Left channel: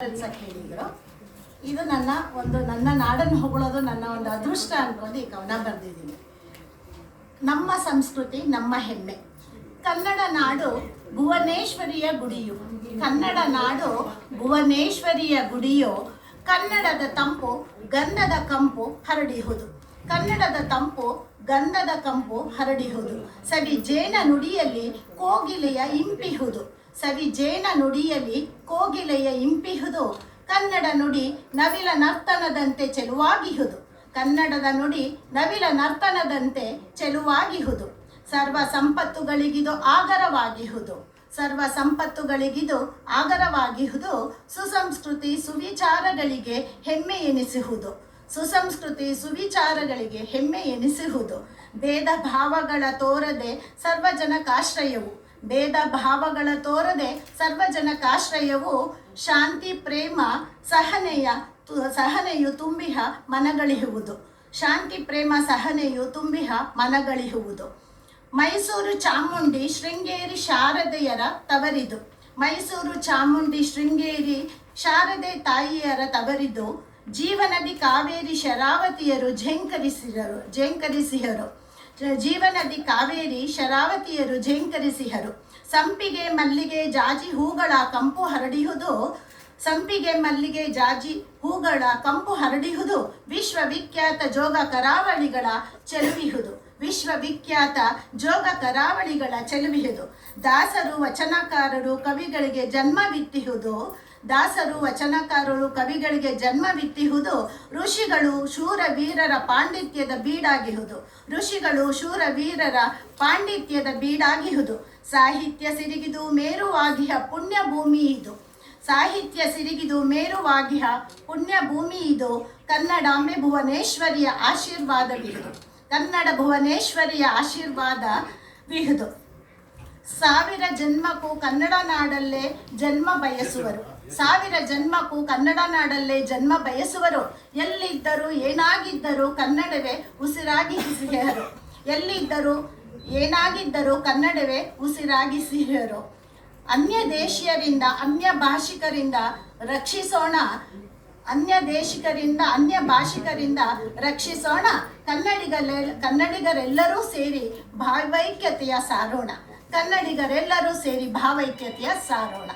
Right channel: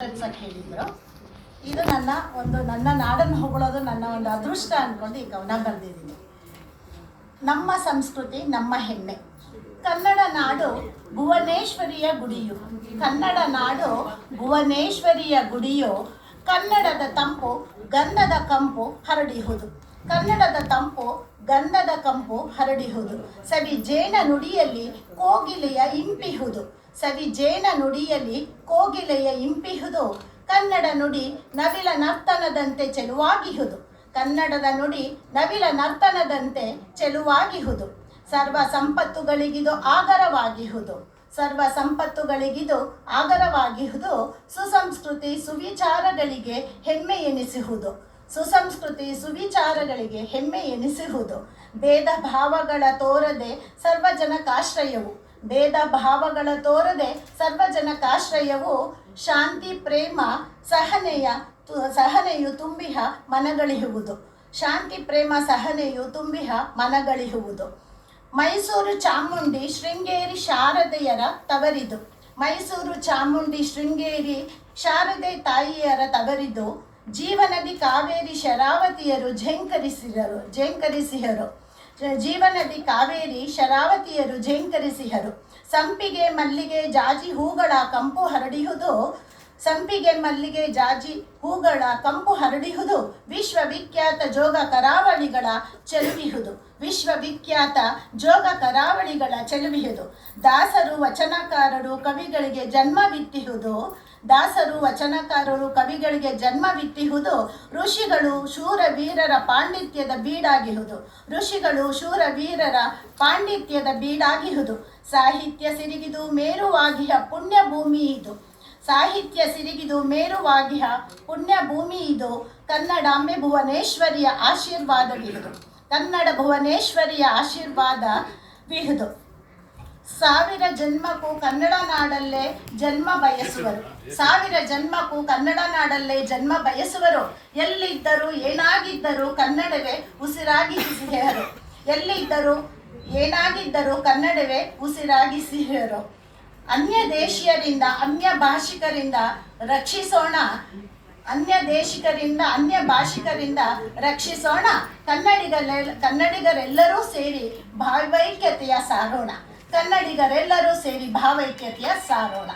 ಹೇಳಿದ್ರು. ಇದು ನನ್ನ ನಾಡನ್ನು ಹೊಗಳೋದು ನನ್ನ ಒಂದು ಅದೃಷ್ಟ ಅಂದ್ಕೊಂಡು ಈ ಕವನ ಬರೆದಿದ್ದೀನಿ. ನಮ್ಮ ಸಂಸ್ಕೃತಿ ನಮ್ಮ ಹೆಮ್ಮೆ. ಕನ್ನಡ ನಾಡು ಭುವನೇಶ್ವರಿಯ ಗುಡಿಯು, ಕನ್ನಡ ನಾಡು ಭುವನೇಶ್ವರಿಯ ಗುಡಿಯು. ಕನ್ನಡದ ತಂಪು ಗಂಧದ ಕಂಪು ಹರಡಿಹುದು, ಕನ್ನಡದ ತಂಪು ಗಂಧದ ಕಂಪು ಹರಡಿಹುದು. ಸವಿ ಜೇನ ನುಡಿಯಲ್ಲಿ ಕೋಗಿಲೆಯ ಇಂಪಿಹುದು, ಸವಿ ಜೇನ ನುಡಿಯಲ್ಲಿ ಕೋಗಿಲೆಯ ಇಂಪಿಹುದು. ಕನ್ನಡ ನುಡಿ ನವಿಲ ನರ್ತನದಂತೆ ಚೆಲುವಾಗಿಹುದು, ಕನ್ನಡದ ನುಡಿ ನವಿಲ ನರ್ತನದಂತೆ ಚೆಲುವಾಗಿಹುದು. ಸರ್ವ ಸಂಪತ್ತುಗಳಿಗಿದು ಆಗರವಾಗಿಹುದು, ಸರ್ವ ಸಂಪತ್ತುಗಳಿಗಿದು ಆಗರವಾಗಿಹುದು. ಸುಸಂಸ್ಕೃತಿ ಸುವಿಚಾರಗಳಿಗೆ ಹೆಮ್ಮೆ ಎನಿಸುವುದು, ಸುಸಂಸ್ಕೃತಿ ಸುವಿಚಾರಗಳಿಗೆ ಹೆಮ್ಮೆ ಎನಿಸುವುದು. ಭೇದ ಭಾವಗಳ ತೋರದೆ ಸರ್ವಜನಕಾಶ್ರಯವು, ಭೇದ ಭಾವಗಳ ತೋರದೆ ಸರ್ವಜನಕಾಶ್ರಯವು. ಶಾಂತಿ ಪ್ರೇಮ ಸಹನೆಯು ತುಂಬಿಹ ಮನಗಳಿಹುವುದು, ಶಾಂತಿ ಪ್ರೇಮ ಸಹನೆಯು ತುಂಬಿಹ ಮನಗಳಿಹುವುದು. ಮೈಸೂರು ಚಾಮುಂಡಿ ಶೃಂಗೇರಿ ಶಾರದೆಯರ ತವರಿದು, ಮೈಸೂರು ಚಾಮುಂಡಿ ಶೃಂಗೇರಿ ಶಾರದೆ ತಾಯಿಯರ ತವರಿದು. ಜೀವನದಿ ಕಾವೇರಿ ಶರಾವತಿಯರು ಝೇಂಕರಿಸಿಹರು, ಜೀವನದಿ ಕಾವೇರಿ ಶರಾವತಿಯರು ಝೇಂಕರಿಸಿಹರು. ಸಂಪಿಗೆ ಮಲ್ಲಿಗೆ ಜಾಜಿ ಹೂಗಳ ಕಂಪು ಹರಡಿಹುದು, ಸಂಪಿಗೆ ಮಲ್ಲಿಗೆ ಜಾಜಿ ಹೂಗಳ ಕಂಪು ಹರಡಿಹುದು. ವಿಶ್ವವಿಖ್ಯಾತ ಜೋಗ ಕರಾವಳಿಗಳ ಚೆಲುವಿಹುದು, ವಿಶ್ವವಿಖ್ಯಾತ ಜೋಗ ಕರಾವಳಿಗಳ ಚೆಲುವಿಹುದು. ದಾಸರು ವಚನಕಾರರು ಕವಿಗಳಿಗೆ ಜನ್ಮವಿತ್ತಿಹುದು, ದಾಸರು ವಚನಕಾರರು ಕವಿಗಳಿಗೆ ಜನ್ಮವಿತ್ತಿಹುದು. ಋಷಿಗಳು ಶೂರವೀರರ ಪಾಂಡಿತ್ಯದ ಬೀಡಾಗಿಹುದು, ಋಷಿಗಳು ಶೂರವೀರರ ಪಾಂಡಿತ್ಯದ ಬೀಡಾಗಿಹುದು. ಸಾಹಿತ್ಯ ಸಿರಿಗಿದು ಮೇರುವಾಗಿಹ ಪುಣ್ಯ ಭೂಮಿ ಇದು, ಸಾಹಿತ್ಯ ಸಿರಿಗಿದು ಮೇರುವಾಗಿಹ ಪುಣ್ಯ ಭೂಮಿ ಇದು. ಕನ್ನಡಾಂಬೆ ಭುವನೇಶ್ವರಿಯ ಆಶೀರ್ವಾದವಿಹುದು, ಕನ್ನಡ ಭುವನೇಶ್ವರಿಯ ಆಶೀರ್ವಾದವಿಹುದು. ಸಾವಿರ ಜನ್ಮಕ್ಕೂ ಕನ್ನಡ ನಾಡಲ್ಲೇ ಜನ್ಮ ಬಯಸುವರು, ಸಾವಿರ ಜನ್ಮಕ್ಕೂ ಕನ್ನಡ ನಾಡಲ್ಲೇ ಜನ್ಮ ಬಯಸುವರು. ಎಲ್ಲಿದ್ದರೂ ಏನಾಗಿದ್ದರೂ ಕನ್ನಡವೇ ಉಸಿರಾಗಿಸಿಹರು, ಎಲ್ಲಿದ್ದರೂ ಏನಾಗಿದ್ದರೂ ಕನ್ನಡವೇ ಉಸಿರಾಗಿಸಿಹರು. ಅನ್ಯ ದೇಶೀಯರಿಂದ ಅನ್ಯ ಭಾಷಿಕರಿಂದ ರಕ್ಷಿಸೋಣ, ಅನ್ಯ ದೇಶಿಕರಿಂದ ಅನ್ಯ ಭಾಷಿಕರಿಂದ ರಕ್ಷಿಸೋಣ. ಕನ್ನಡಿಗರೆಲ್ಲರೂ ಸೇರಿ ಭಾವೈಕ್ಯತೆಯ ಸಾರೋಣ, ಕನ್ನಡಿಗರೆಲ್ಲರೂ ಸೇರಿ ಭಾವೈಕ್ಯತೆಯ ಸಾರೋಣ.